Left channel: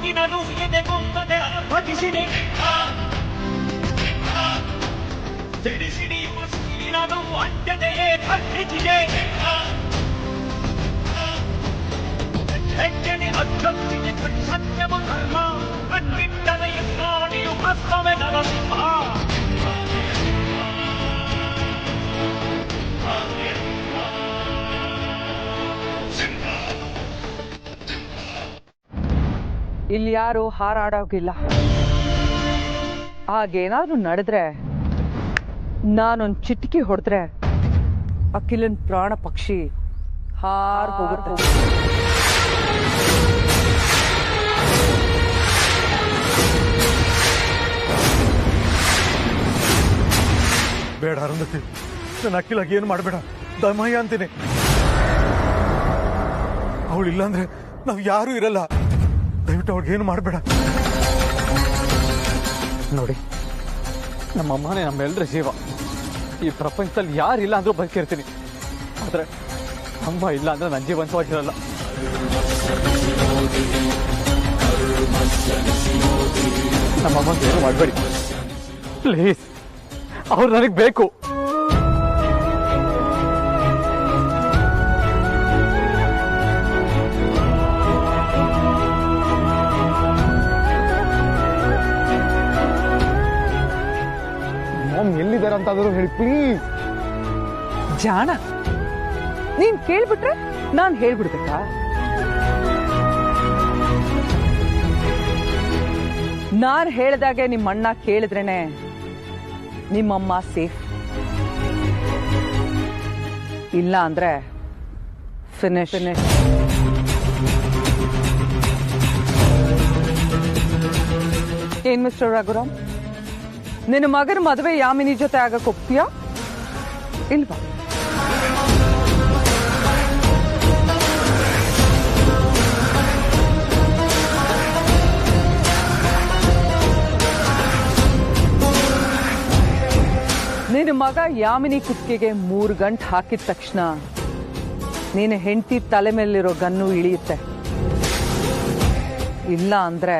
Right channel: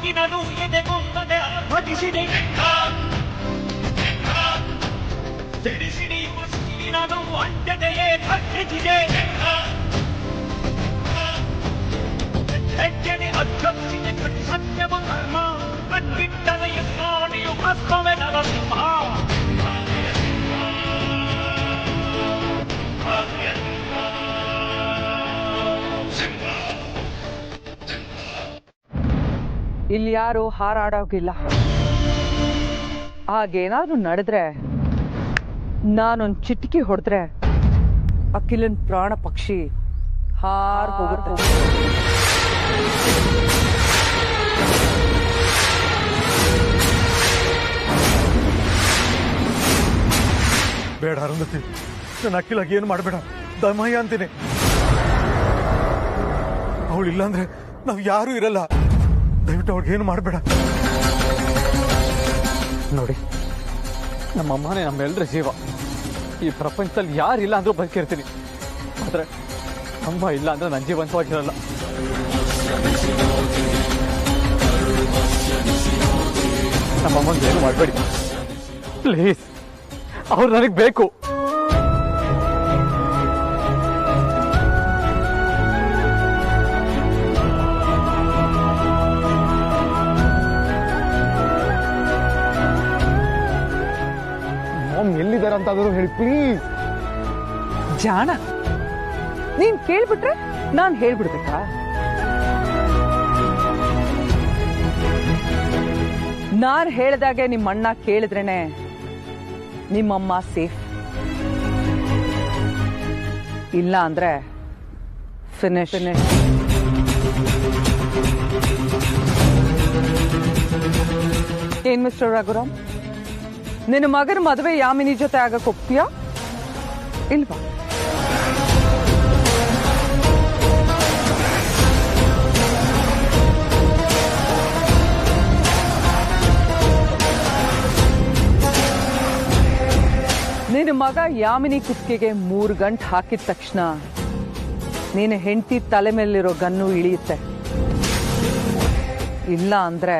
ಪಿಡುಗಿನನು ಎದೆಗೊಂದದೆ ಭಜಿಸಿದೆ ತಿಳಿಸಿಡಿಯುವ ಸಿಡಿನನು ಅಂಜದೆಯೇ ಥರ್ಕಿಸಿದೆ ಹೆಜ್ಜೆನೆ ಅಧ್ಯಕ್ಷಿಗೆ ಕಟ್ಟು ಸತ್ಯವು ಧರ್ಮ ಕಣ್ಬಿಟ್ಟದ ಯತ್ನಾಣಿಯು ಭಸ್ಮವೇ ನರಸಿಂಹ ಇಲ್ಲಿ ಯಾರು ಹಾರಾಡೋಗಿಲ್ಲ. ಹಾಗೇನಾದ್ರೂ ನಡೆದ್ರೆ ನಾನೊಂದು ಚಿಟಿಕೆ ಹೊಡೆದ್ರೆ ಅಖಿಲನ್ ಪ್ರಾಣ ಪಕ್ಷಿ ಹಾರ್ ಹೋಗುತ್ತೆ. ಬೇಡ ಅರುಂಧತಿ, ನನ್ನ ಅಖಿಲಾಗಿ ಏನು ಮಾಡಬೇಡ, ದಮಯ್ಯ ಅಂತೀನಿ. ಅವಳಿಲ್ಲ ಅಂದ್ರೆ ನಾವ್ ಯಾರು ಇರಲ್ಲ. ದಯವಿಟ್ಟು ಅವ್ಳಿಗೇನು ಮಾಡಬೇಡ. ನೋಡಿ, ನಮ್ಮಮ್ಮನೇ ನಮ್ಮೆಲ್ಲರ ಜೀವ. ಈ ಪ್ರಪಂಚದಲ್ಲಿ ಯಾರಿಲ್ಲ ಅಂದ್ರೂ ಬದುಕಿರ್ತೀನಿ. ಆದ್ರೆ ಅಮ್ಮ ಇಲ್ಲ ಅಂದ್ರೆ ನನ್ನ ಜೀವಂತವಾಗಿರಲ್ಲ. ನಮ್ಮಮ್ಮಂಗೆ ಏನು ಮಾಡಬೇಡಿ ಪ್ಲೀಸ್. ಅವ್ರು ನನಗೆ ಬೇಕು. ಎಲ್ಲಿದ್ದಾರೆ ಅಂತಾದರೂ ಹೇಳಿ ಪ್ಲೀಸ್. ಜಾಣ, ನೀನ್ ಕೇಳ್ಬಿಟ್ರೆ ನಾನ್ ಹೇಳ್ಬಿಡ್ಬೇಕಾ? ನಾನ್ ಹೇಳ್ದಾಗೆ ನಿಮ್ಮಣ್ಣ ಕೇಳಿದ್ರೇನೆ ನಿಮ್ಮಮ್ಮ ಸೇಫ್. ಇಲ್ಲ ಅಂದ್ರೆ ಫಿನಿಶ್. ಏನ್ ಮಿಸ್ಟರ್ ರಘುರಾಮ್, ನಿನ್ನ ಮಗನ ಮದುವೆ ಯಾಮಿನಿ ಜೊತೆ ಆಗಕ್ ಹೋಗ್ತೀಯಾ ಇಲ್ವಾ? ನಿನ್ನ ಮಗ ಯಾಮಿನಿ ಕುತ್ತಿಗೆಗೆ 3 ಗಂಟೆ ಹಾಕಿದ ತಕ್ಷಣ ನೀನು ಹೆಂಡತಿ ತಲೆ ಮೇಲಿರೋ ಗನ್ನು ಇಳಿಯುತ್ತೆ. ಇಲ್ಲ ಅಂದ್ರೆ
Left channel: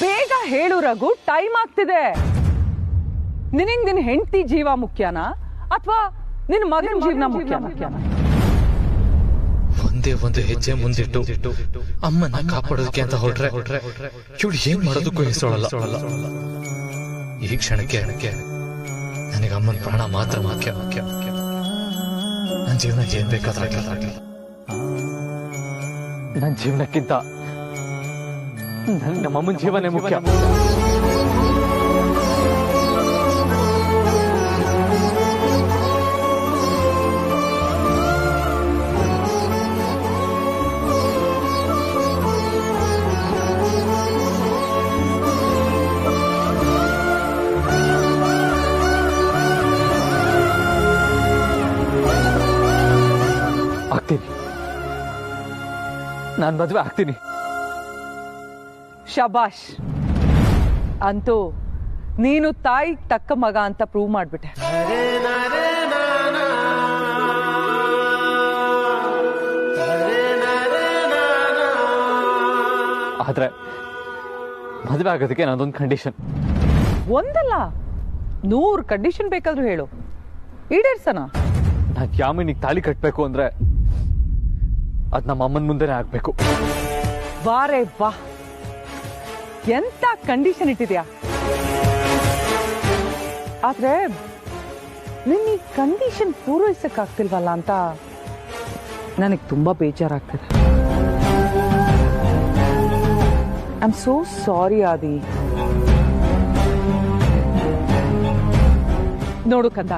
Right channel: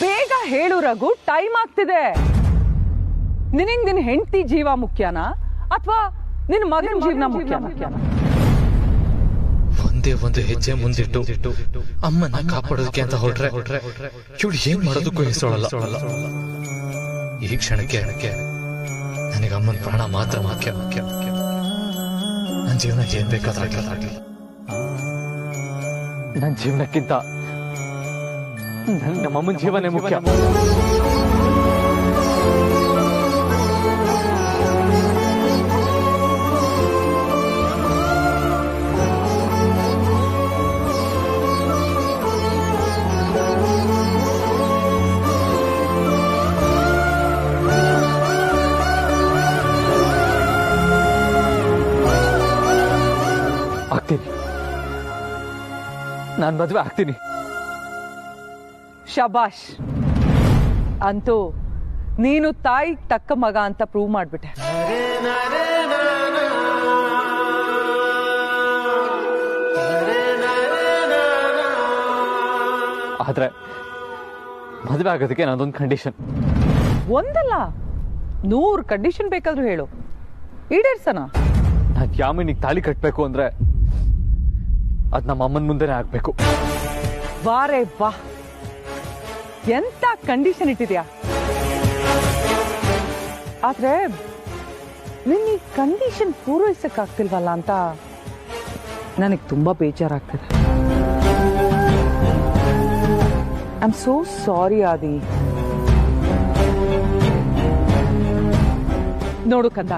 ಬೇಗ ಹೇಳು ರಘು, ಟೈಮ್ ಆಗ್ತಿದೆ. ನಿನಗೆ ನಿನ್ನ ಹೆಂಡತಿ ಜೀವ ಮುಖ್ಯನಾ ಅಥವಾ ನಿನ್ನ ಮಗನ ಜೀವನ ಮುಖ್ಯನಾ? ಒಂದೇ ಒಂದು ಹೆಜ್ಜೆ ಮುಂದಿಟ್ಟು ಅಮ್ಮನ ಕಾಪಾಡೋದಕ್ಕೆ ಅಂತ ಹೊರಟ್ರೆ ಇವಳು ಏನ್ ಮಾಡೋದಕ್ಕೂ ಹೆಸರಲ್ಲ. ಈ ಕ್ಷಣಕ್ಕೆ ನನಗೆ ಅಮ್ಮನ ಪ್ರಾಣ ಮಾತ್ರ ಮುಖ್ಯ. ನನ್ನ ಜೀವನ ಏನ್ ಬೇಕಾದ್ರಾಗಲಿ. ನನ್ನ ಜೀವನಕ್ಕಿಂತ ನಮ್ಮಮ್ಮನ ಜೀವನೇ ಮುಖ್ಯ. ಆಗ್ತೀನಿ, ನಾನು ಮದುವೆ ಆಗ್ತೀನಿ. ಶಬಾಷ್, ಅಂತೂ ನೀನು ತಾಯಿ ತಕ್ಕ ಮಗ ಅಂತ ಪ್ರೂವ್ ಮಾಡ್ಬಿಟ್ಟೆ. ಆದ್ರೆ ಮದುವೆ ಆಗೋದಕ್ಕೆ ನಾನೊಂದು ಕಂಡೀಷನ್. ಒಂದಲ್ಲ 100 ಕಂಡೀಷನ್ ಬೇಕಾದ್ರೂ ಹೇಳು, ಈಡೇರ್ಸನ. ನಾನು ಯಾಮಿನಿಗೆ ತಾಳಿ ಕಟ್ಬೇಕು ಅಂದ್ರೆ ಅದ್ ನಮ್ಮ ಅಮ್ಮನ ಮುಂದೆನೆ ಆಗ್ಬೇಕು. ವಾರೇ ವಾ, ಎಂತ ಕಂಡೀಷನ್ ಇಟ್ಟಿದ್ಯಾ. ಆದ್ರೆ ನಿನ್ನ ಈ ಕಂಡೀಷನ್ ಪೂರೈಸಕ್ಕಾಗ್ತಿಲ್ವಲ್ಲ ಅಂತ ನನಗೆ ತುಂಬಾ ಬೇಜಾರಾಗ್ತದೆ. ಐ ಆಮ್ ಸೋ ಸಾರಿ ಆದಿ. ನೋಡು ಕಂದ,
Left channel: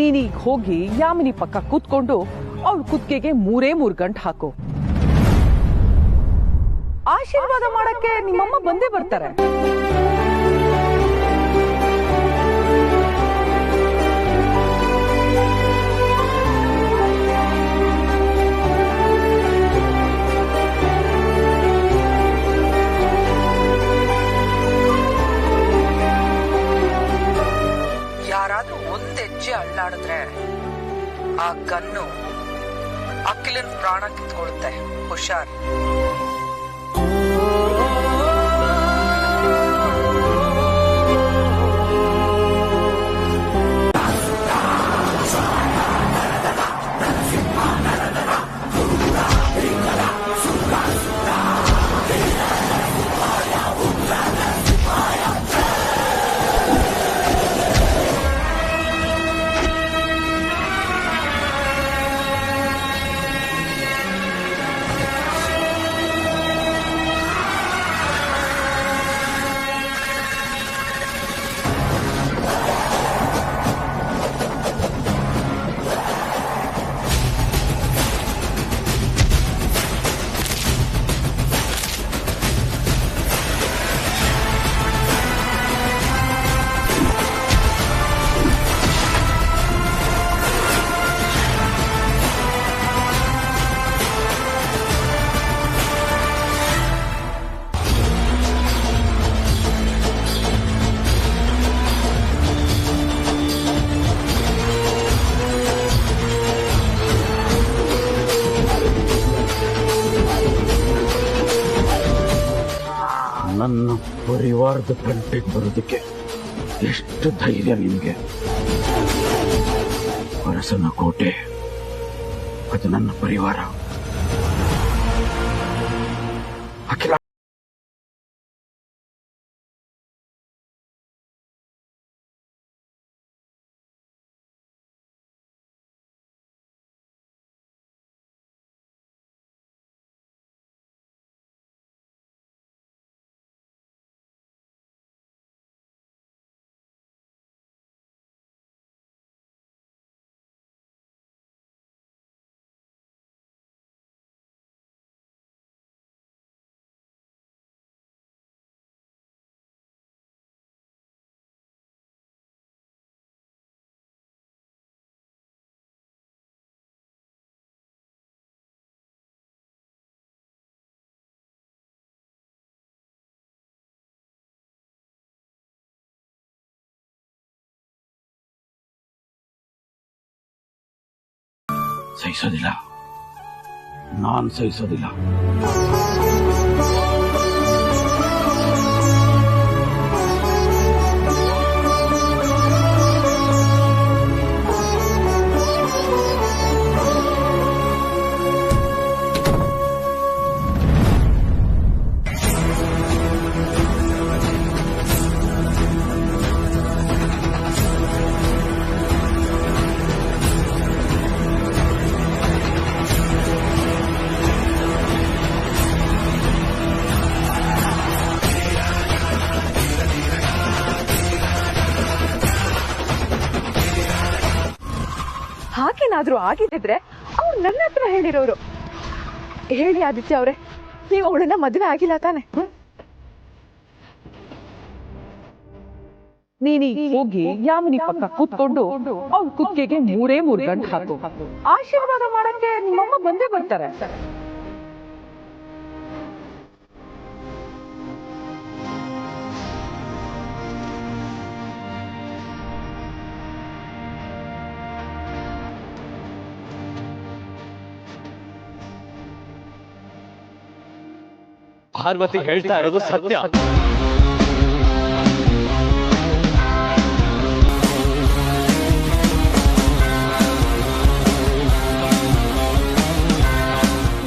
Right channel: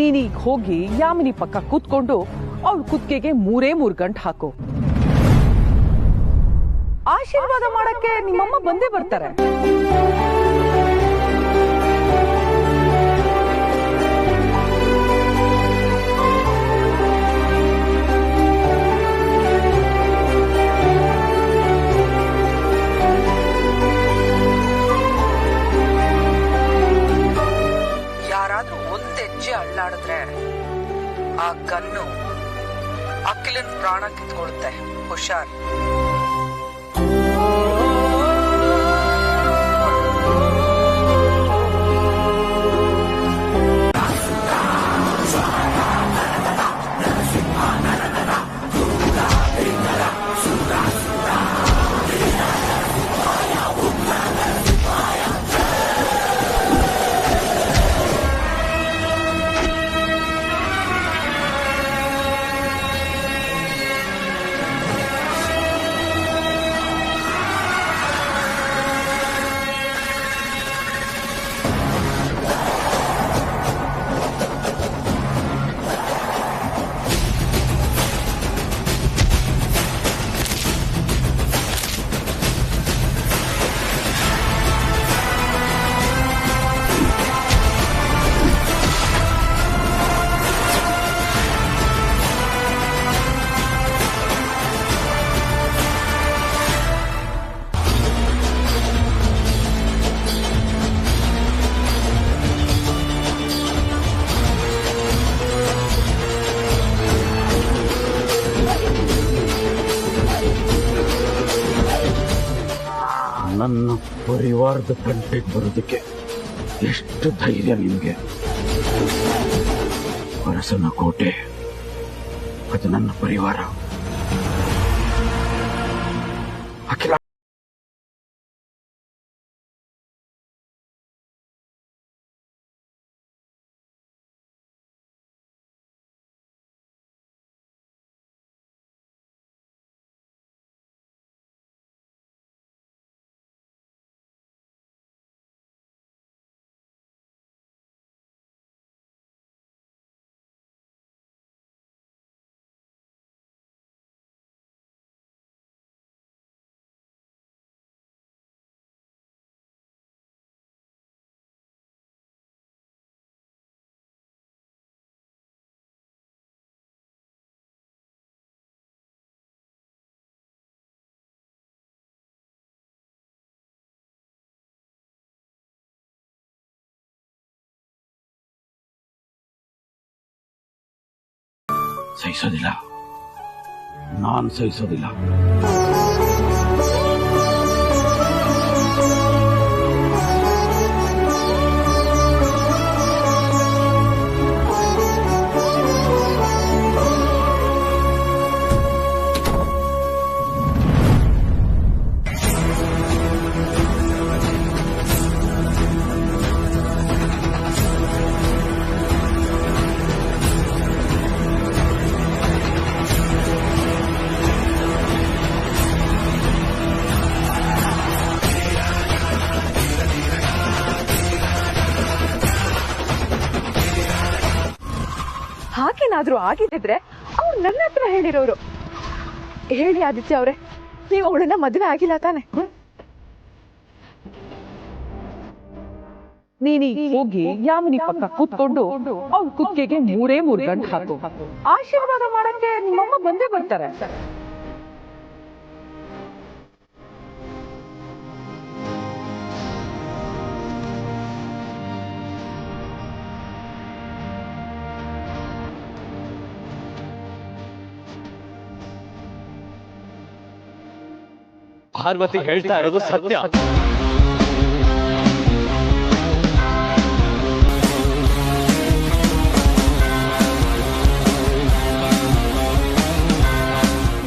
ನೀನೀಗ ಹೋಗಿ ಯಾಮಿನಿ ಪಕ್ಕ ಕೂತ್ಕೊಂಡು ಅವಳ ಕುತ್ತಿಗೆಗೆ 3 ಗಂಟೆ ಹಾಕು. ಆಶೀರ್ವಾದ ಮಾಡಕ್ಕೆ ನಿಮ್ಮಮ್ಮ ಬಂದೇ ಬರ್ತಾರೆ. ಯಾರಾದ್ರೂ ಒಂದ್ ಹೆಜ್ಜೆ ಅಳ್ಳಾಡಿದ್ರೆ ಆ ಗನ್ನು ಅಖಿಲನ್ ಪ್ರಾಣ ಕಿತ್ಕೊಳುತ್ತೆ. ಹುಷಾರ್. ನನ್ನ ಪರಿವಾರದ ತಂಟೆಗೆ ಬರೋದಕ್ಕೆ ಎಷ್ಟು ಧೈರ್ಯ ನಿಮಗೆ? ಅರಸನ ಕೋಟೆ ಅದು ನನ್ನ ಪರಿವಾರ. ಅಖಿಲ ಸಹಿಸೋದಿಲ್ಲ, ನಾನ್ ಸಹಿಸೋದಿಲ್ಲ. ಹಾಗೇನಾದ್ರೂ ಆಗಿದ್ರೆ ಅವ್ರು ನನ್ನ ಹತ್ರ ಹೇಳಿರೋರು. ಹೇಳಿ ಆದಿತ್ಯ ಅವ್ರೆ, ನೀವು ಅವಳನ್ನ ಮದುವೆ ಆಗಿಲ್ಲ ತಾನೆ? ನೀನೀಗ ಹೋಗಿ ಯಾಮಿನಿ ಪಕ್ಕ ಕೂತ್ಕೊಂಡು ಅವ್ಳ ಕುತ್ತಿಗೆಗೆ 3 ಗಂಟೆ ಹಾಕು. ಆಶೀರ್ವಾದ ಮಾಡಕ್ಕೆ ನಿಮ್ಮಮ್ಮ ಬಂದೇ ಬರ್ತಾರೆ. ಪಾರ್ವತಿ ಹೇಳ್ತಾ ಇರೋದು ಸತ್ಯ.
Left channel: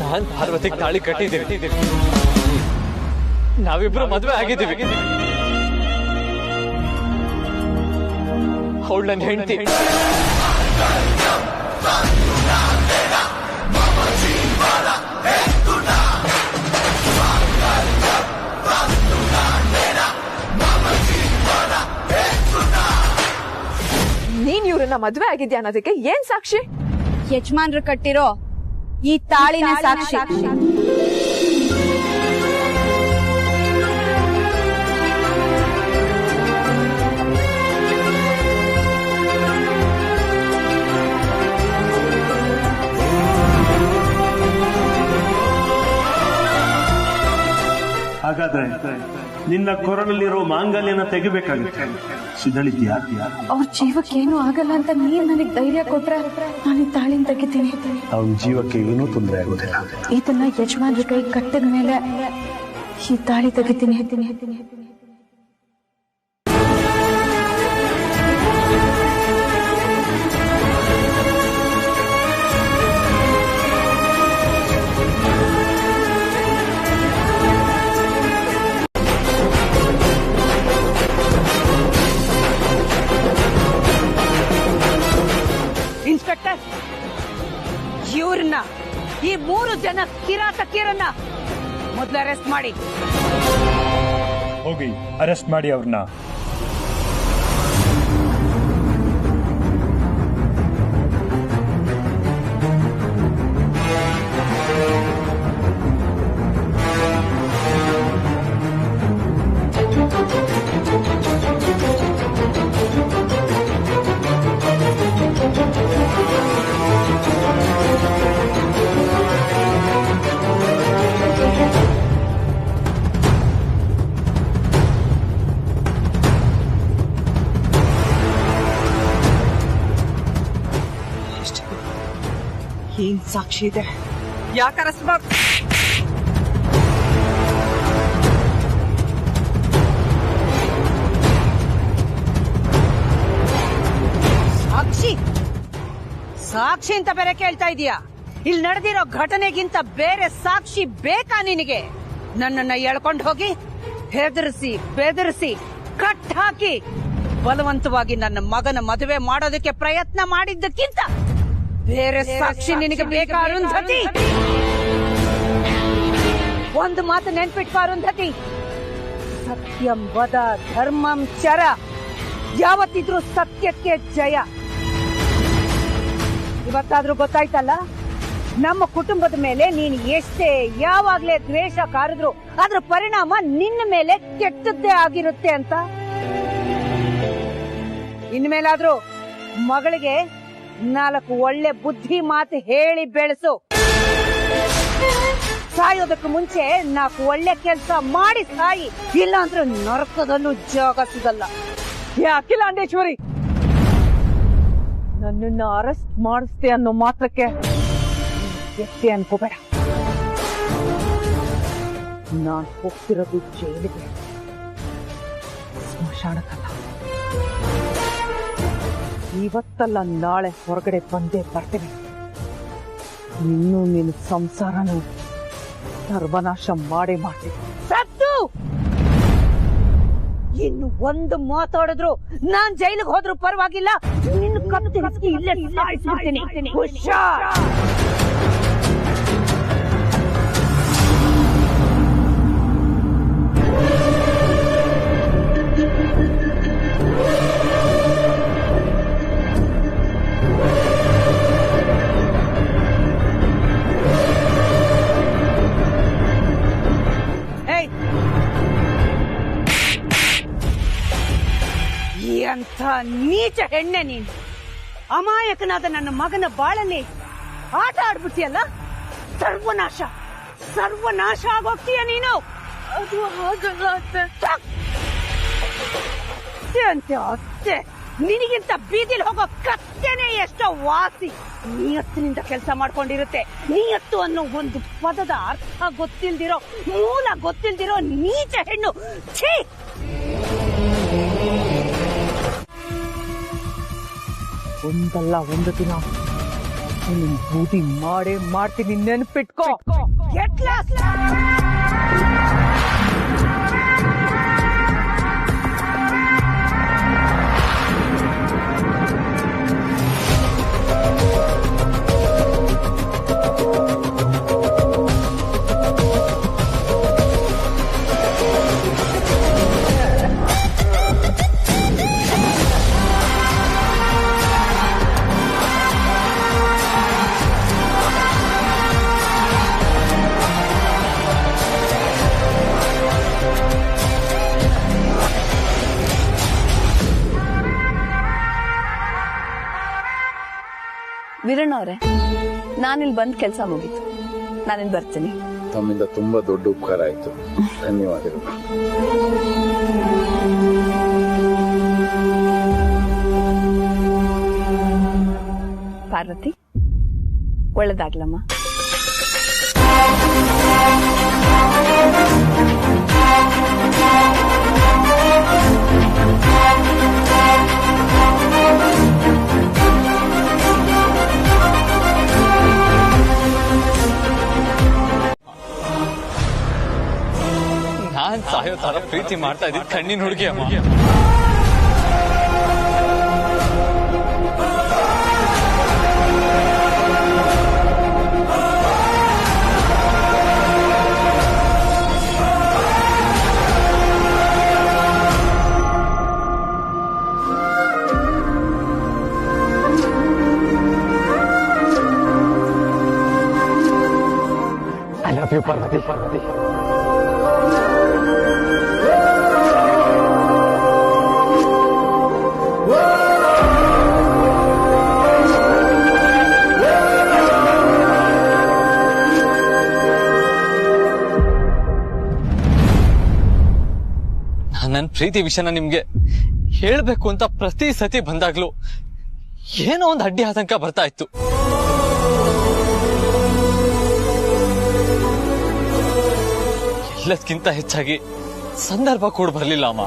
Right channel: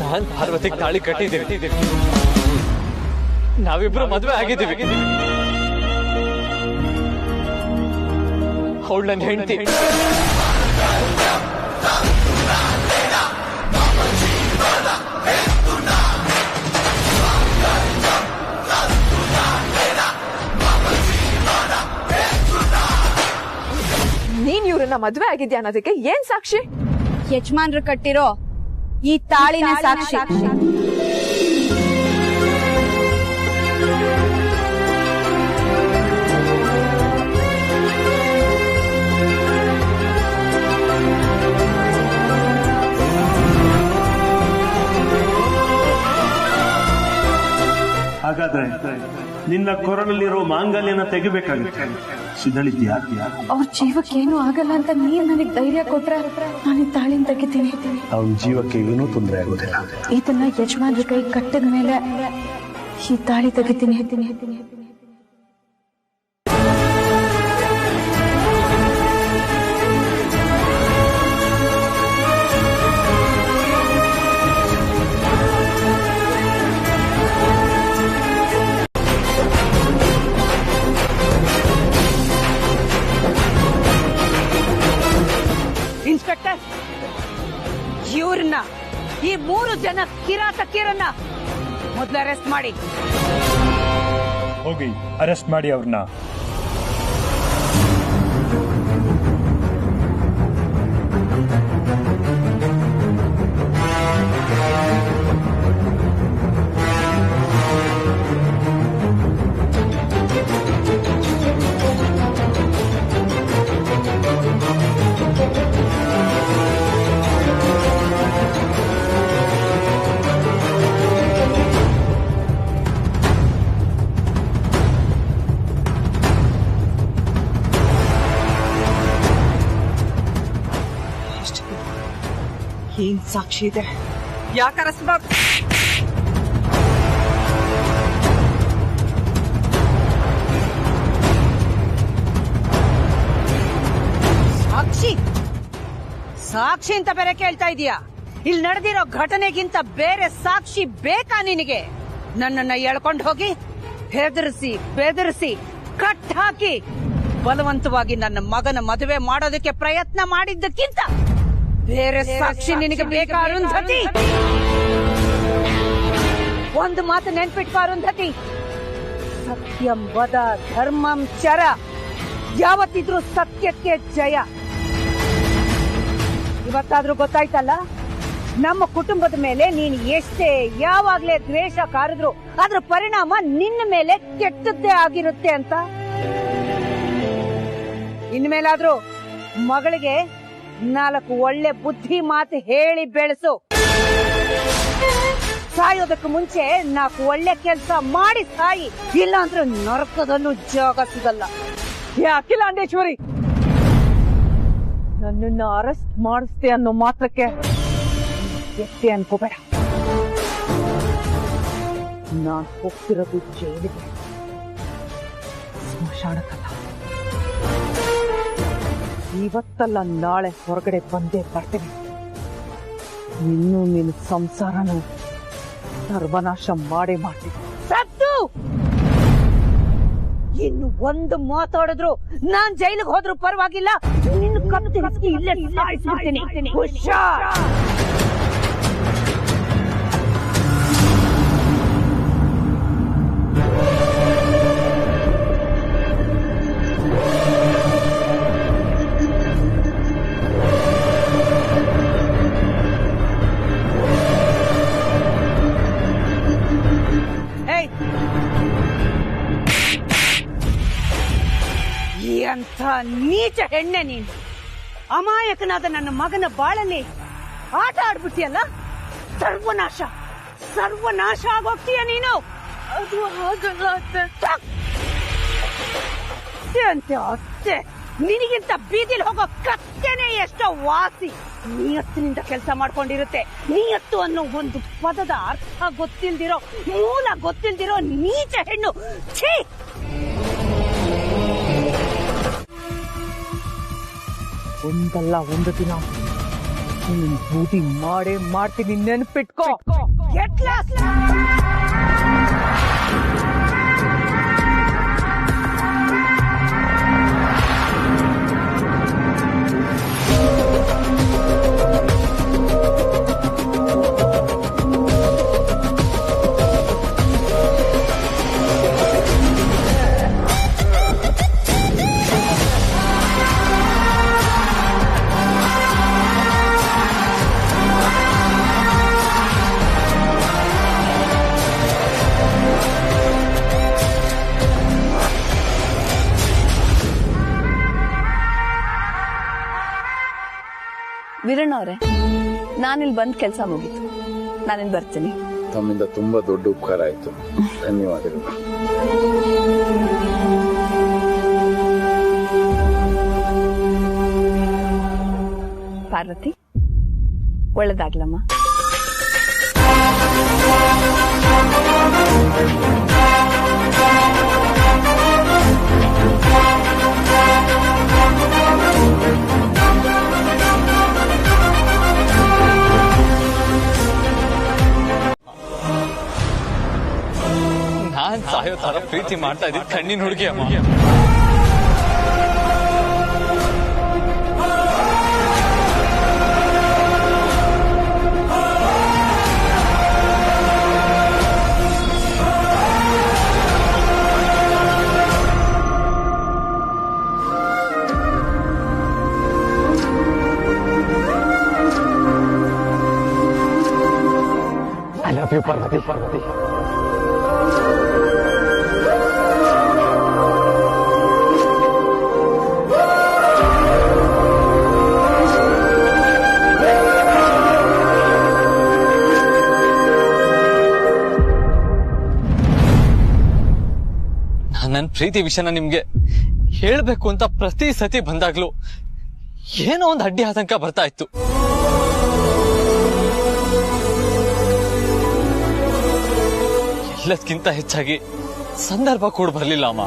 ನಾನ್ ಪಾರ್ವತಿಗೆ ತಾಳಿ ಕಟ್ಟಿದ್ದೀವಿ, ನಾವಿಬ್ರು ಮದ್ವೆ ಆಗಿದ್ದೀವಿ. ಅವಳು ನನ್ನ ಹೆಂಡತಿ. ನೀನ್ ಇವ್ರನ್ನ ಮದ್ವೆ ಆಗಿದ್ಯಾ ಅನ್ನೋದಕ್ಕೆ ಏನ್ ಸಾಕ್ಷಿ? ಯಜಮಾನ್ರು ಕಟ್ಟಿರೋ ಈ ತಾಳಿನ ಸಾಕ್ಷಿ. ಬೇಕಾದ್ರೆ ನಿನ್ನ ಕೊರಳಲ್ಲಿರೋ ಮಾಂಗಲ್ಯನ ತೆಗಿಬೇಕಾಗುತ್ತೆ. ಸಿದ್ಧಳಿದ್ಯಾ? ಅವ್ರ ಜೀವಕ್ಕೆ ಏನೂ ಆಗಲ್ಲ ಅಂತ ನೀನ್ ನನಗ್ ಧೈರ್ಯ ಕೊಟ್ರೆ ನಾನು ಈ ತಾಳಿನ ತೆಗಿತೀನಿ. ಅವನ ಜೀವಕ್ಕೆ ಏನೂ ತೊಂದರೆ ಆಗೋದಿಲ್ಲ. ಇದನ್ನ ಯಜಮಾನ್ರ ಕೈ ಕಟ್ಟಿದ ಮೇಲೆ ಈ ತಾಳಿ ತೆಗಿತೀನಿ. ಇನ್ಸ್ಪೆಕ್ಟರ್, ಇವ್ರನ್ನ ಈ 3 ಜನ ಕಿರಾತಕಿಯರನ್ನ ಮೊದಲು ಅರೆಸ್ಟ್ ಮಾಡಿ. ಹೋಗಿ ಅರೆಸ್ಟ್ ಮಾಡಿ ಅವ್ರನ್ನ. ಏನ್ ಸಾಕ್ಷಿ ಇದೆ? ಯಾಕೆ ಅರೆಸ್ಟ್ ಮಾಡ? ಸಾಕ್ಷಿ ಅಂತ ಬೇರೆ ಕೇಳ್ತಾ ಇದೀಯಾ? ಇಲ್ಲಿ ನಡೆದಿರೋ ಘಟನೆಗಿಂತ ಬೇರೆ ಸಾಕ್ಷಿ ಬೇಕಾ ನಿನಗೆ? ನನ್ನನ್ನ ಎಳ್ಕೊಂಡು ಹೋಗಿ ಹೆದರಿಸಿ ಬೆದರಿಸಿ ಕಟ್ ಹಾಕಿ ಬಲವಂತವಾಗಿ ನನ್ನ ಮಗನ ಮದುವೆ ಮಾಡೋದಕ್ಕೆ ಪ್ರಯತ್ನ ಮಾಡಿದ್ದಕ್ಕಿಂತ ಬೇರೆ ಸಾಕ್ಷಿ ನಿನಗೆ ಬೇಕಾ ಅರುಂಧತಿ? ಒಂದು ಮಾತು ನೆನ್ಪಿಟ್ಕೋ ಅರುಂಧತಿ, ಸತ್ಯಂ ವದ ಧರ್ಮಂ ಚರ. ಯಾವತ್ತಿದ್ರೂ ಸತ್ಯಕ್ಕೆ ಜಯ. ಇವತ್ತಾದ್ರೂ ಗೊತ್ತಾಯ್ತಲ್ಲ, ನಮ್ಮ ಕುಟುಂಬದ ಮೇಲೆ ನೀನು ಎಷ್ಟೇ ಯಾವಾಗ್ಲೇ ದ್ವೇಷ ಕಾರಿದ್ರು ಅದ್ರ ಪರಿಣಾಮ ನಿನ್ನ ಮೇಲೆ ಕೆಟ್ಟದ್ದೇ ಆಗಿರುತ್ತೆ ಅಂತ. ಇನ್ಮೇಲಾದ್ರೂ ಮಗಳಿಗೆ 4 ಒಳ್ಳೆ ಬುದ್ಧಿ ಮಾತು ಹೇಳಿ ಬೆಳೆಸು. ಸಾಯೋದಕ್ಕೆ ಮುಂಚೆ 4 ಒಳ್ಳೆ ಕೆಲಸ ಮಾಡಿ ಸಾಯಿ, ಇಲ್ಲ ಅಂದ್ರೆ ನರಕದಲ್ಲೂ ಜಾಗ ಸಿಗಲ್ಲ. ಅಖಿಲಾಂಡೇಶ್ವರಿ, ನನ್ನನ್ನ ಅರೆಸ್ಟ್ ಮಾಡಿಸ್ತೆ ಅನ್ನೋ ಮಾತ್ರಕ್ಕೆ ಎಷ್ಟೇ ಅನ್ಕೋಬೇಡ. ನಾನ್ ಹೋಗ್ತಿರೋದು ಜೈಲಿಗೆ, ಸ್ಮಶಾನಕ್ಕಲ್ಲ. ಇವತ್ತಲ್ಲ ನಾಳೆ ಹೊರಗಡೆ ಬಂದೇ ಬರ್ತೀನಿ. ನಿನ್ನ ಸಂಸಾರನು ಸರ್ವನಾಶ ಮಾಡೇ ಮಾಡ್ತೀನಿ. ಸತ್ತು ಇನ್ನು ಒಂದು ಮಾತಾಡಿದ್ರು ನಾನ್ ಜೈಲಿಗೆ ಹೋದ್ರು ಪರವಾಗಿಲ್ಲ, ನಿನ್ನ ಕತ್ತು ಇಲ್ಲೇ ಸಾಯಿಸ್ಬಿಡ್ತೀನಿ. ಹುಷಾರ್. ಎಂಥ ನೀಚ ಹೆಣ್ಣೆ ನೀನು! ಅಮಾಯಕನಾದ ನನ್ನ ಮಗನ ಬಾಳಲ್ಲಿ ಆಟ ಆಡ್ಬಿಟ್ಟಿಯಲ್ಲ. ಸರ್ವನಾಶ ಆಗೋಗ್ತೀಯ ನೀನು. ಅದು ಹಾಗಲ್ಲ ಅತ್ತೆ. ನಿನಗಿಂತ ಬೀದಿಲ್ ಹೋಗೋ ಕತ್ತೆನೆ ಎಷ್ಟೋ ವಾಸಿ. ನಿಯತ್ತಿನಿಂದ ಕೆಲಸ ಮಾಡ್ಕೊಂಡಿರುತ್ತೆ. ನಿಯತ್ತು ಅನ್ನೋ ಒಂದು ಪದದ ಅರ್ಥ ಗೊತ್ತಿಲ್ದಿರೋ, ಮೂಲ ಗೊತ್ತಿಲ್ದಿರೋ ನೀಚ ಹೆಣ್ಣು. ಛೀ! ಒಂದಲ್ಲ ಒಂದು ದಿನ ನಿನ್ನ ಬೂದಿ ಮಾಡೇ ಮಾಡ್ತೀನಿ, ನೆನ್ಪಿಟ್ಕೋ. ವೀರಣ್ಣ ಅವರೇ, ನಾನಿಲ್ಲಿ ಬಂದ್ ಕೆಲಸ ಮುಗೀತು. ನಾನಿಲ್ಲಿ ಬರ್ತೀನಿ. ತಮ್ಮಿಂದ ತುಂಬಾ ದೊಡ್ಡ ಉಪಕಾರ ಆಯ್ತು. ಧನ್ಯವಾದಗಳು. ಪಾರ್ವತಿ, ಒಳ್ಳೇದಾಗ್ಲಮ್ಮ. ನಾನ್ ಸಾಯೋ ತರ ಪ್ರೀತಿ ಮಾಡ್ತಾ ಇದ್ದೀನಿ ಕಣ್ಣಿನ ಹುಡುಗಿ ಅಮ್ಮ. I love you, Parvati. ನನ್ನ ಪ್ರೀತಿ ವಿಷಯನ ನಿಮ್ಗೆ ಹೇಳ್ಬೇಕು ಅಂತ ಪ್ರತಿ ಸತಿ ಬಂದಾಗ್ಲೂ ಏನೋ ಒಂದು ಅಡ್ಡಿ ಆತಂಕ ಬರ್ತಾ ಇತ್ತು. ಎಲ್ಲದಕ್ಕಿಂತ ಹೆಚ್ಚಾಗಿ ಸಂದರ್ಭ ಕೂಡ ಬರ್ಲಿಲ್ಲ ಅಮ್ಮ.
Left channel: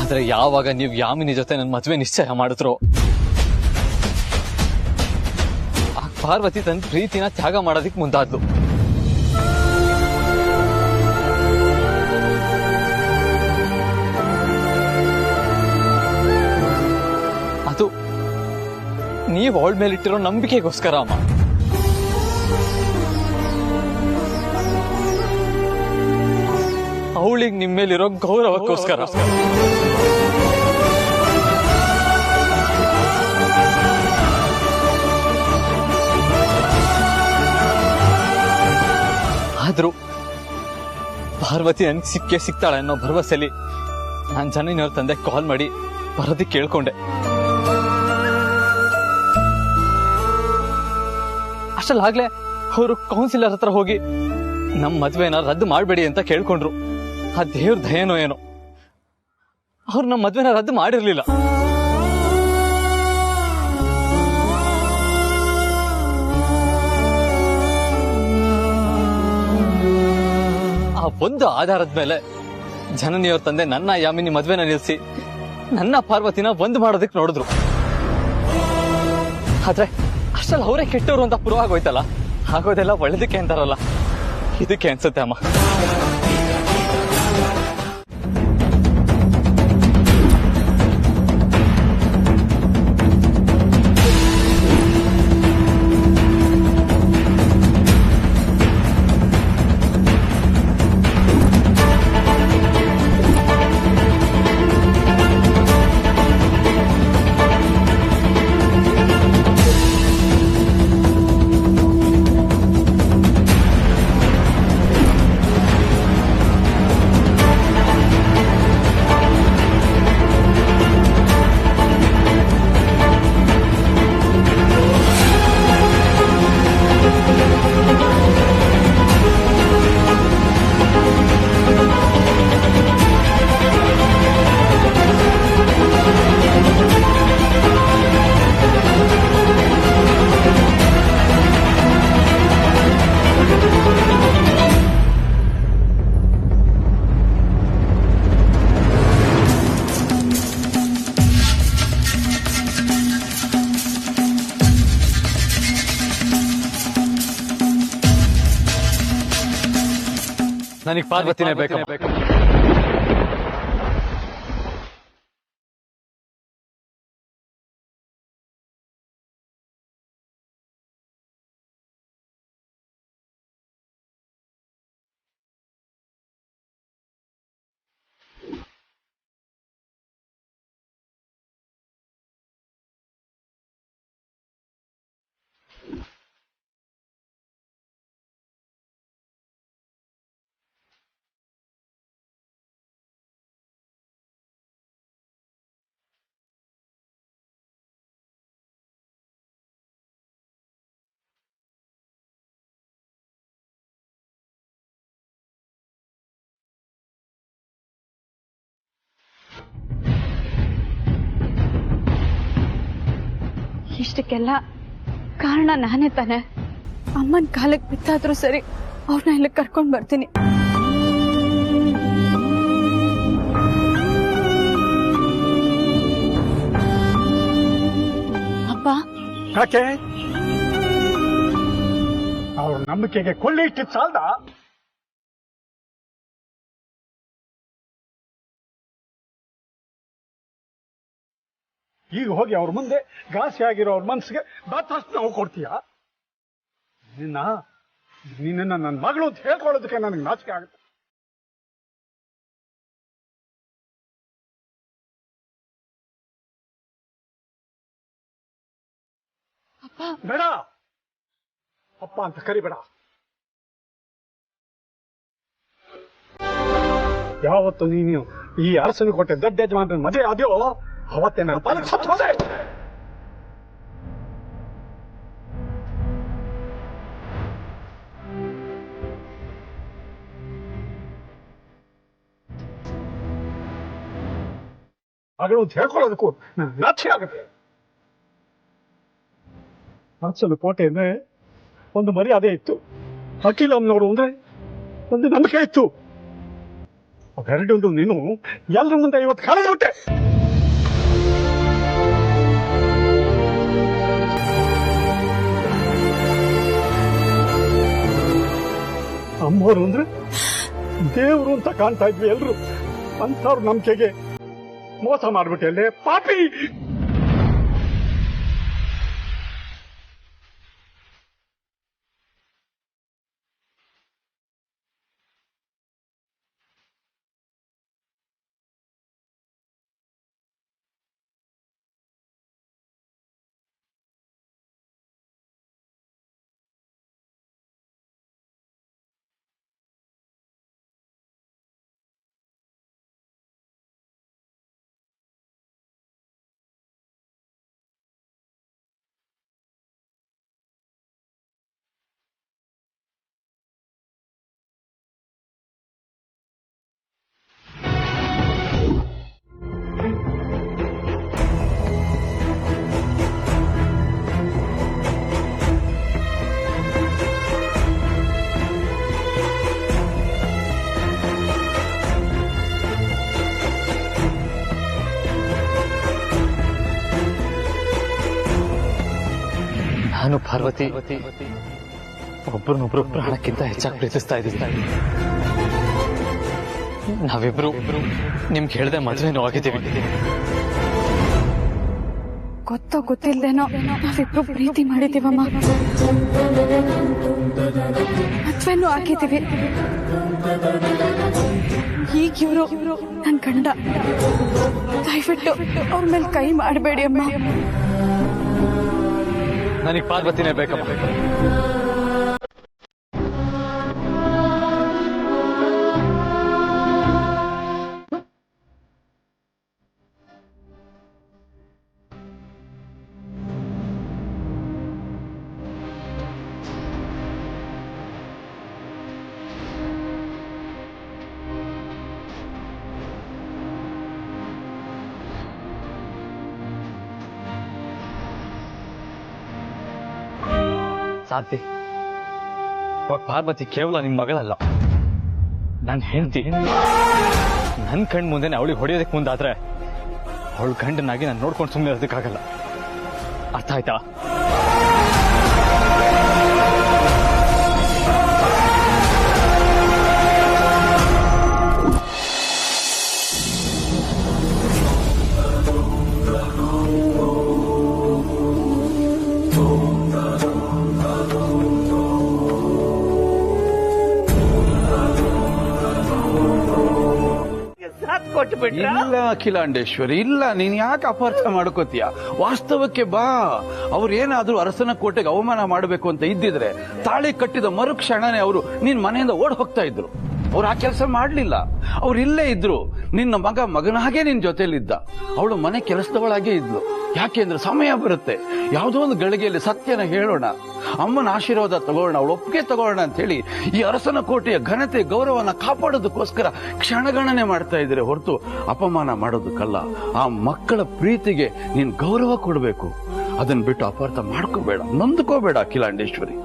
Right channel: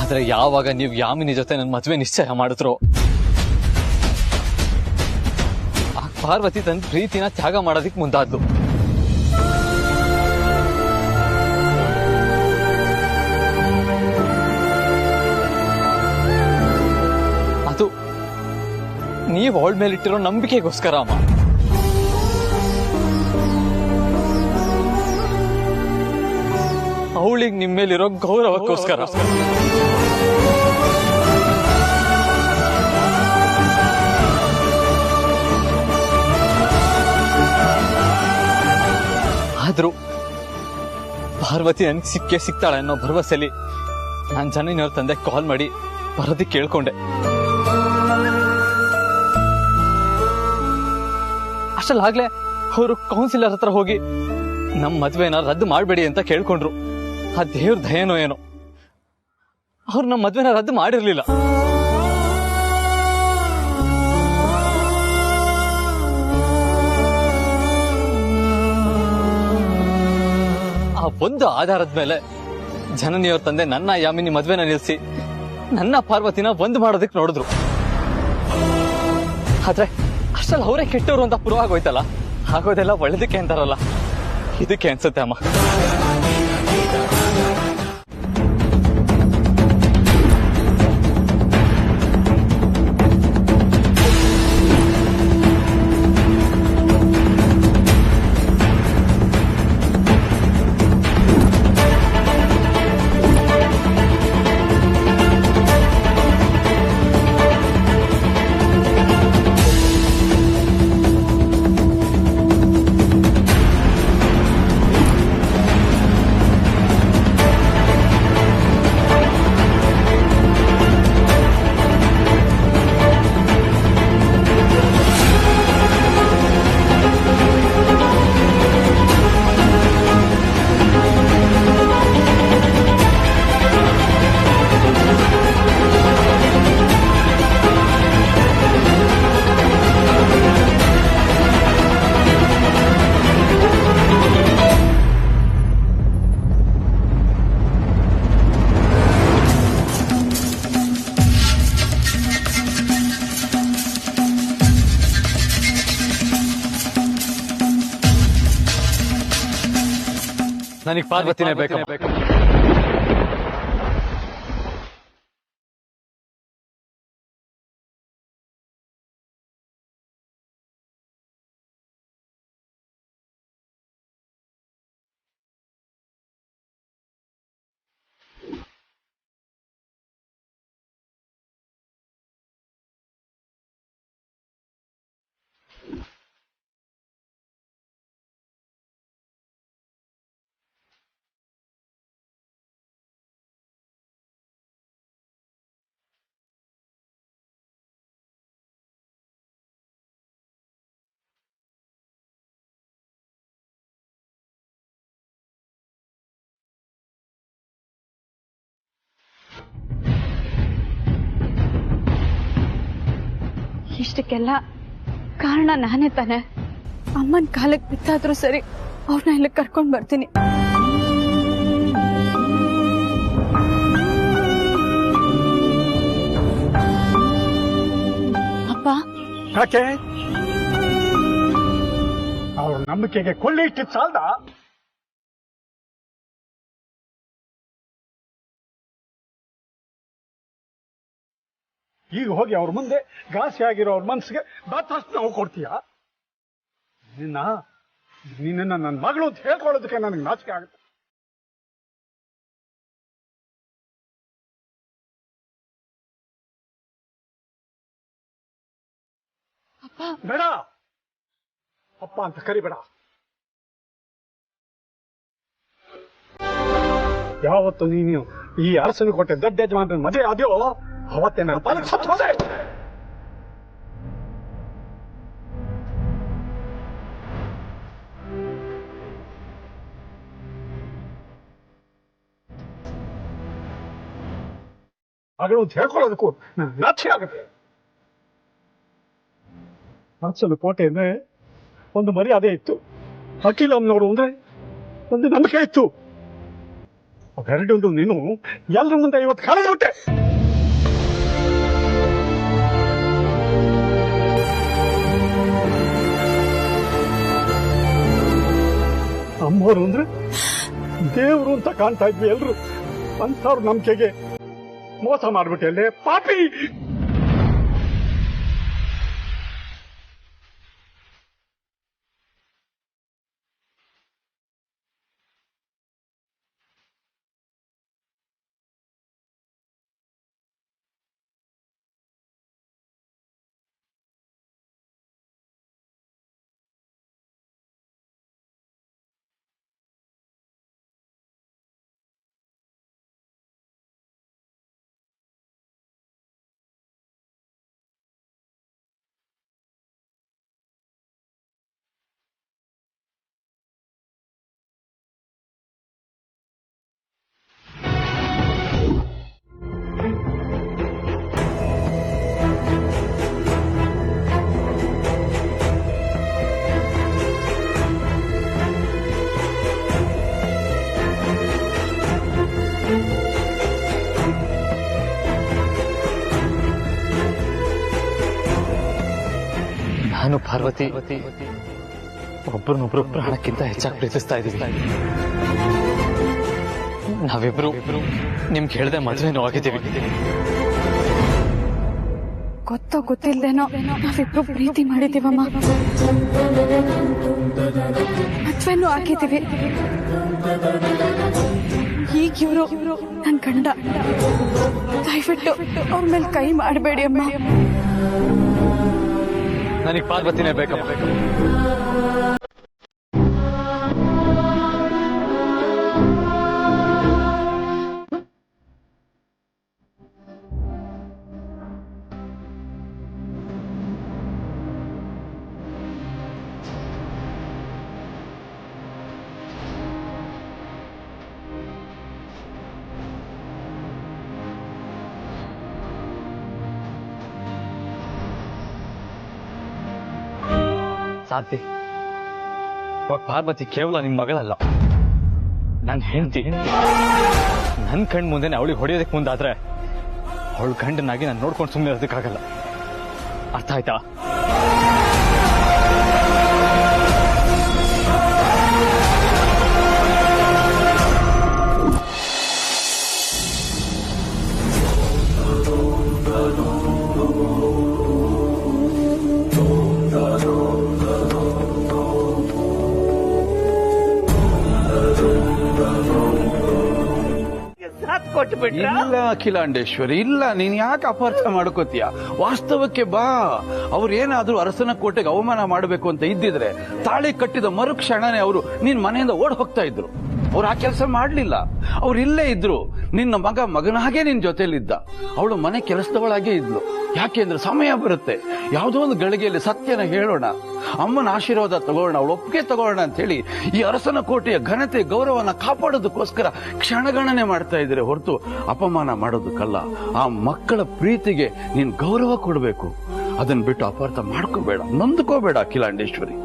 ಆದ್ರೆ ಯಾವಾಗ ನೀವು ಯಾಮಿನಿ ಜೊತೆ ನನ್ನ ಮದುವೆ ನಿಶ್ಚಯ ಮಾಡಿದ್ರು, ಆ ಪಾರ್ವತಿ ತನ್ನ ಪ್ರೀತಿನ ತ್ಯಾಗ ಮಾಡೋದಿಕ್ ಮುಂದಾದ್ಲು. ಅದು ನೀವು ಅವಳ ಮೇಲಿಟ್ಟಿರೋ ನಂಬಿಕೆಗೋಸ್ಕರ ಅಮ್ಮ. ಅವಳಿಗೆ ನಿಮ್ಮ ಮೇಲಿರೋ ಗೌರವಕ್ಕೋಸ್ಕರ. ಆದ್ರೂ ಪಾರ್ವತಿ ನನ್ಗೆ ಸಿಗ್ತಾಳೆ ಅನ್ನೋ ಭರವಸೆಲಿ ನಾನ್ ಜನನಿಯವ್ರ ತಂದೆ ಕಾಲ್ ಮಾಡಿ ಬರೋದಕ್ಕೆ ಕೇಳ್ಕೊಂಡೆ. ಅಷ್ಟಲ್ಲಾಗ್ಲೇ ಅವರು ಕೌನ್ಸಿಲರ್ ಹತ್ರ ಹೋಗಿ ನಮ್ ಮದ್ವೆನ ರದ್ದು ಮಾಡ್ಬೇಡಿ ಅಂತ ಕೇಳ್ಕೊಂಡ್ರು. ಆ ದೇವ್ರ ದಯನೋ ಏನೋ ಅವ್ರು ನಮ್ಮ ಮದ್ವೆನ ರದ್ದು ಮಾಡಿರ್ಲಿಲ್ಲ. ಆ ಒಂದು ಆಧಾರದ ಮೇಲೆ ಜನನಿಯವ್ರ ತಂದೆ ನನ್ನ ಯಾಮಿನಿ ಮದ್ವೆನ ನಿಲ್ಸಿ ನನ್ನ ಪಾರ್ವತಿನ ಒಂದು ಮಾಡೋದಕ್ಕೆ ನೋಡಿದ್ರು. ಆದ್ರೆ ಅಷ್ಟಲ್ಲಿ ಅವರೇ ಕೆಟ್ಟವರು ಅಂತ ಪ್ರೂವ್ ಆಗೋಯ್ತಲ್ಲ. ಆಗೋದೆಲ್ಲ ಒಳ್ಳೇದಕ್ಕೆ ಅಂತಾರಲ್ಲ, ಇದಕ್ಕೆ ಅನ್ಸುತ್ತೆ ಅಮ್ಮ. ನನಗೆ ಪಾರ್ವತಿನೇ ಬೇಕು. ಇಷ್ಟಕ್ಕೆಲ್ಲ ಕಾರಣ ನಾನೇ ತಾನೆ. ಅಮ್ಮನ ಕಾಲಕ್ಕೆ ಬಿತ್ತಾದ್ರೂ ಸರಿ ಅವ್ರನ್ನ ಇಲ್ಲಿ ಕರ್ಕೊಂಡ್ ಬರ್ತೀನಿ. ಅಪ್ಪ, ಯಾಕೆ ಅವ್ರ ನಂಬಿಕೆಗೆ ಕೊಳ್ಳಿ ಇಟ್ಟಿದ್ ಸಾಲ್ದ? ಈಗ ಹೋಗಿ ಅವ್ರ ಮುಂದೆ ಘಾಸಿ ಆಗಿರೋ ಅವ್ರ ಮನ್ಸಿಗೆ ಬಾತಷ್ಟು ನಾವು ಕೊಡ್ತೀಯ? ನಿನ್ನ ನನ್ನ ಮಗಳು ಅಂತ ಹೇಳ್ಕೊಳ್ಳೋದಕ್ಕೆ ನನಗೆ ನಾಚಿಕೆ ಆಗುತ್ತೆ. ಬೇಡ, ಅಪ್ಪ ಅಂತ ಕರಿಬೇಡ. ಯಾವತ್ತು ನೀನು ಈ ಅರಸನ ಕೊಟ್ಟೆ ದೊಡ್ಡ ಯಜಮಾನ ಮದುವೆ ಆದ್ಯೋ ಅವತ್ತೇ ನನ್ನ ಪಾಲಕ್ ಸತ್ತು ಹೋದೆ. ಮಗಳು ಅಂತ ಹೇಳ್ಕೊಳ್ಳೋದಕ್ಕೂ ನನಗೆ ನಾಚಿಕೆ ಆಗುತ್ತೆ. ಅರಸನ ಕೋಟೆ ಅಂದ್ರೆ ಒಂದು ಮರ್ಯಾದೆ ಇತ್ತು, ಅಖಿಲಮ್ಮನವರು ಅಂದ್ರೆ ಒಂದು ನಂಬಿಕೆ ಇತ್ತು. ಅವೆರಡೊಂದು ನೀನು ಎಲ್ಲರ ಮುಂದೆ ಇವತ್ತು ಕಳೆದುಬಿಟ್ಟೆ. ಅಮ್ಮವರು ಅಂದ್ರೆ ದೇವರು ಅಂತ ಕಾಣ್ತಾ ಇದ್ವಿ ಎಲ್ರು, ಅಂಥವ್ರ ನಂಬಿಕೆಗೆ ಮೋಸ ಮಾಡ್ಬಿಟ್ಟೆ ಅಲ್ಲೇ ಪಾಪಿ. ನಾನು ಪಾರ್ವತಿ ಒಬ್ಬರನ್ನೊಬ್ರು ಪ್ರಾಣಕ್ಕಿಂತ ಹೆಚ್ಚಾಗಿ ಪ್ರೀತಿಸ್ತಾ ಇದ್ದೀವಿ. ನಾವಿಬ್ರು ನಿಮ್ಗೆ ಹೇಳ್ದೆ ಮದ್ವೆನೂ ಆಗಿದ್ದೀವಿ. ಗೊತ್ತೋ ಗೊತ್ತಿಲ್ದೇನೋ ನಾವಿಬ್ರು ಪ್ರೀತಿ ಮಾಡಿದೀವಮ್ಮ, ಮದ್ವೆನೂ ಆಗಿದ್ದೀವಿ. ಈಗ ಇವರು ನನ್ ಗಂಡ. ದಯವಿಟ್ಟು ಅವ್ರ ಮೇಲೆ ಕೈ ಮಾಡಬೇಡಿ ಅಮ್ಮ. ನನಗೆ ಪಾರ್ವತಿನೇ ಬೇಕಮ್ಮ. ಸಾಧ್ಯ ಪಾರ್ವತಿ ಕೇವಲ ನಿನ್ ಮಗಳಲ್ಲ, ನನ್ನ ಹೆಂಡತಿ. ನನ್ನ ಕಣ್ ಮುಂದೆ ಅವಳಿಗೆ ಹೊಡೆಯೋದಕ್ಕೆ ಮುಂದಾದ್ರೆ ಅವಳು ಗಂಡನಾಗಿ ನಾನು ನೋಡ್ಕೊಂಡು ಸುಮ್ಮನೆ ಇರೋದಕ್ಕಾಗಲ್ಲ. ಅರ್ಥ ಆಯ್ತಾ? ಇಲ್ಲ ಅಖಿಲಾಂಡೇಶ್ವರಿ, ಇಲ್ಲ, ನೀನ್ ಯಾಕೆ ಅಪಾರ್ಥ ಮಾಡ್ಕೋತೀಯ? ವಾಸ್ತವಕ್ಕೆ ಬಾ. ಅವ್ರೇನಾದ್ರೂ ಅರಸನ ಕೋಟೆಗೆ ಅವಮಾನ ಮಾಡಬೇಕು ಅಂತ ಇದ್ದಿದ್ರೆ ತಾಳಿ ಕಟ್ಟಿದ ಮರುಕ್ಷಣನೇ ಅವರು ನಿನ್ ಮನೆಯಿಂದ ಓಡ್ ಹೋಗ್ತಾ ಇದ್ರು. ಅವ್ರು ಆ ಕೆಲಸ ಮಾಡ್ಲಿಲ್ಲ. ಅವ್ರು ಇಲ್ಲೇ ಇದ್ರು. ನಿನ್ನ ಮಗನಾಗೆ ನಿನ್ ಜೊತೆಲಿದ್ದ. ಅವಳು ಮನೆ ಕೆಲಸದವಳಾಗೇ ಇದ್ಲು. ಯಾಕೆಂದ್ರೆ ಸಮಯ ಬರುತ್ತೆ, ಯಾವುದೋ ಒಂದು ಗಳಿಗೆಯಲ್ಲಿ ಸತ್ಯನ ಹೇಳೋಣ, ಅಮ್ಮನ ಆಶೀರ್ವಾದ ತಗೋಣ, ಅವಳು ಒಪ್ಪಿಗೆ ತಗೋಣ ಅಂತ ಹೇಳಿ ಈ ಅರಸನ ಕೋಟೆಯ ಘನತೆ ಗೌರವನ ಕಾಪಾಡೋದಕ್ಕೋಸ್ಕರ ಕ್ಷಣಗಣನೆ ಮಾಡ್ತಾ ಇದ್ರೆ ಹೊರತು ಅಪಮಾನ ಮಾಡೋದಕ್ಕಲ್ಲ. ಆ ಮಕ್ಕಳ ಪ್ರೀತಿಗೆ ನೀನ್ ಗೌರವ ಕೊಡಬೇಕು. ಅದನ್ನ ಬಿಟ್ಟು ಅಪಾರ್ಥ ಮಾಡ್ಕೋಬೇಡ, ನೊಂದ್ಕೋಬೇಡ ಅಖಿಲಾಂಡೇಶ್ವರಿ.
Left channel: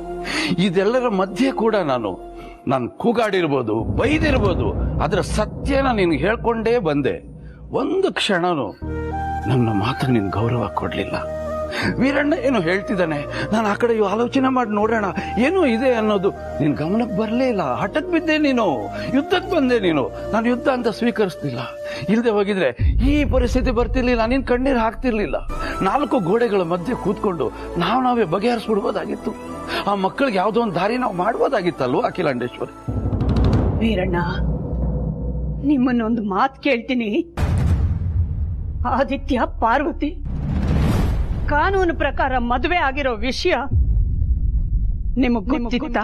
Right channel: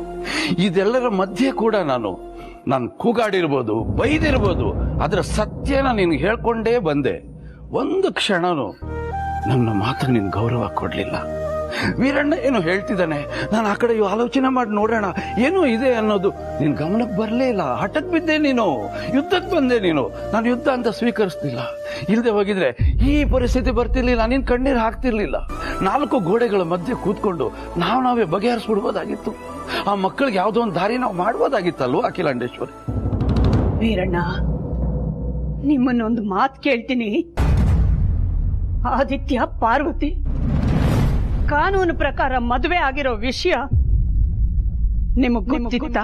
ಇದೆಲ್ಲರ ಮಧ್ಯೆ ಕೂಡ ನಾನು ಕೂಗಾಡಿರ್ಬೋದು, ಬೈದಿರ್ಬೋದು, ಅದರ ಸತ್ಯನ ನಿನ್ಗೆ ಹೇಳ್ಕೊಂಡೇ ಬಂದೆ. ಒಂದು ಕ್ಷಣನು ನನ್ನ ಮಾತು ನಿನ್ ಗೌರವ ಕೊಡ್ಲಿಲ್ಲ. ವೀರಣ್ಣ ಏನು ಹೇಳ್ತಿದ್ದಾನೆ, ನಾನು ಆ ಕಡೆ ಆಲೋಚನೆ ಮಾಡಿ ನೋಡೋಣ ಏನೋ ಇದೆ ಅನ್ನೋದು ನಿನ್ ಗಮನಕ್ಕೆ ಬರಲೇ ಇಲ್ಲ. ಹಠಕ್ ಬಿದ್ದೆ ನೀನು, ಯುದ್ಧಕ್ಕೆ ಬಂದೆ ನೀನು. ನಾನು ಯುದ್ಧ ಅಂತ ಸ್ವೀಕರಿಸ್ತಿಲ್ಲ. ಇಲ್ಲದೆ ಹೋಗಿದ್ರೆ ಈ ಪರಿಸ್ಥಿತಿ ಬರ್ತಿರ್ಲಿಲ್ಲ, ನೀನ್ ಕಣ್ಣೀರು ಹಾಕ್ತಿರ್ಲಿಲ್ಲ. 4 ಗೋಡೆಗಳ ಮಧ್ಯೆ ಕೂತ್ಕೊಂಡು ನಾವೇ ಬಗೆಹರಿಸ್ಬಿಡ್ಬೋದಾಗಿತ್ತು. ಆ ಮಕ್ಕಳಿಗೆ ಯಾವ್ದೋ ಒಂದು ದಾರಿ ನಾವು ಮಾಡ್ಬೋದಾಗಿತ್ತಲ್ವ ಅಖಿಲಾಂಡೇಶ್ವರಿ? ವೀರಣ್ಣ, ನಿಮ್ಮನ್ನೊಂದು ಮಾತು ಕೇಳ್ತೀನಿ. ಆದಿತ್ಯ ಪಾರ್ವತಿ ಕಾನೂನು ಪ್ರಕಾರ ಮದುವೆ ಆಗಿರೋ ವಿಷಯ ನಿಮಗ್ ಗೊತ್ತಿತ್ತಾ?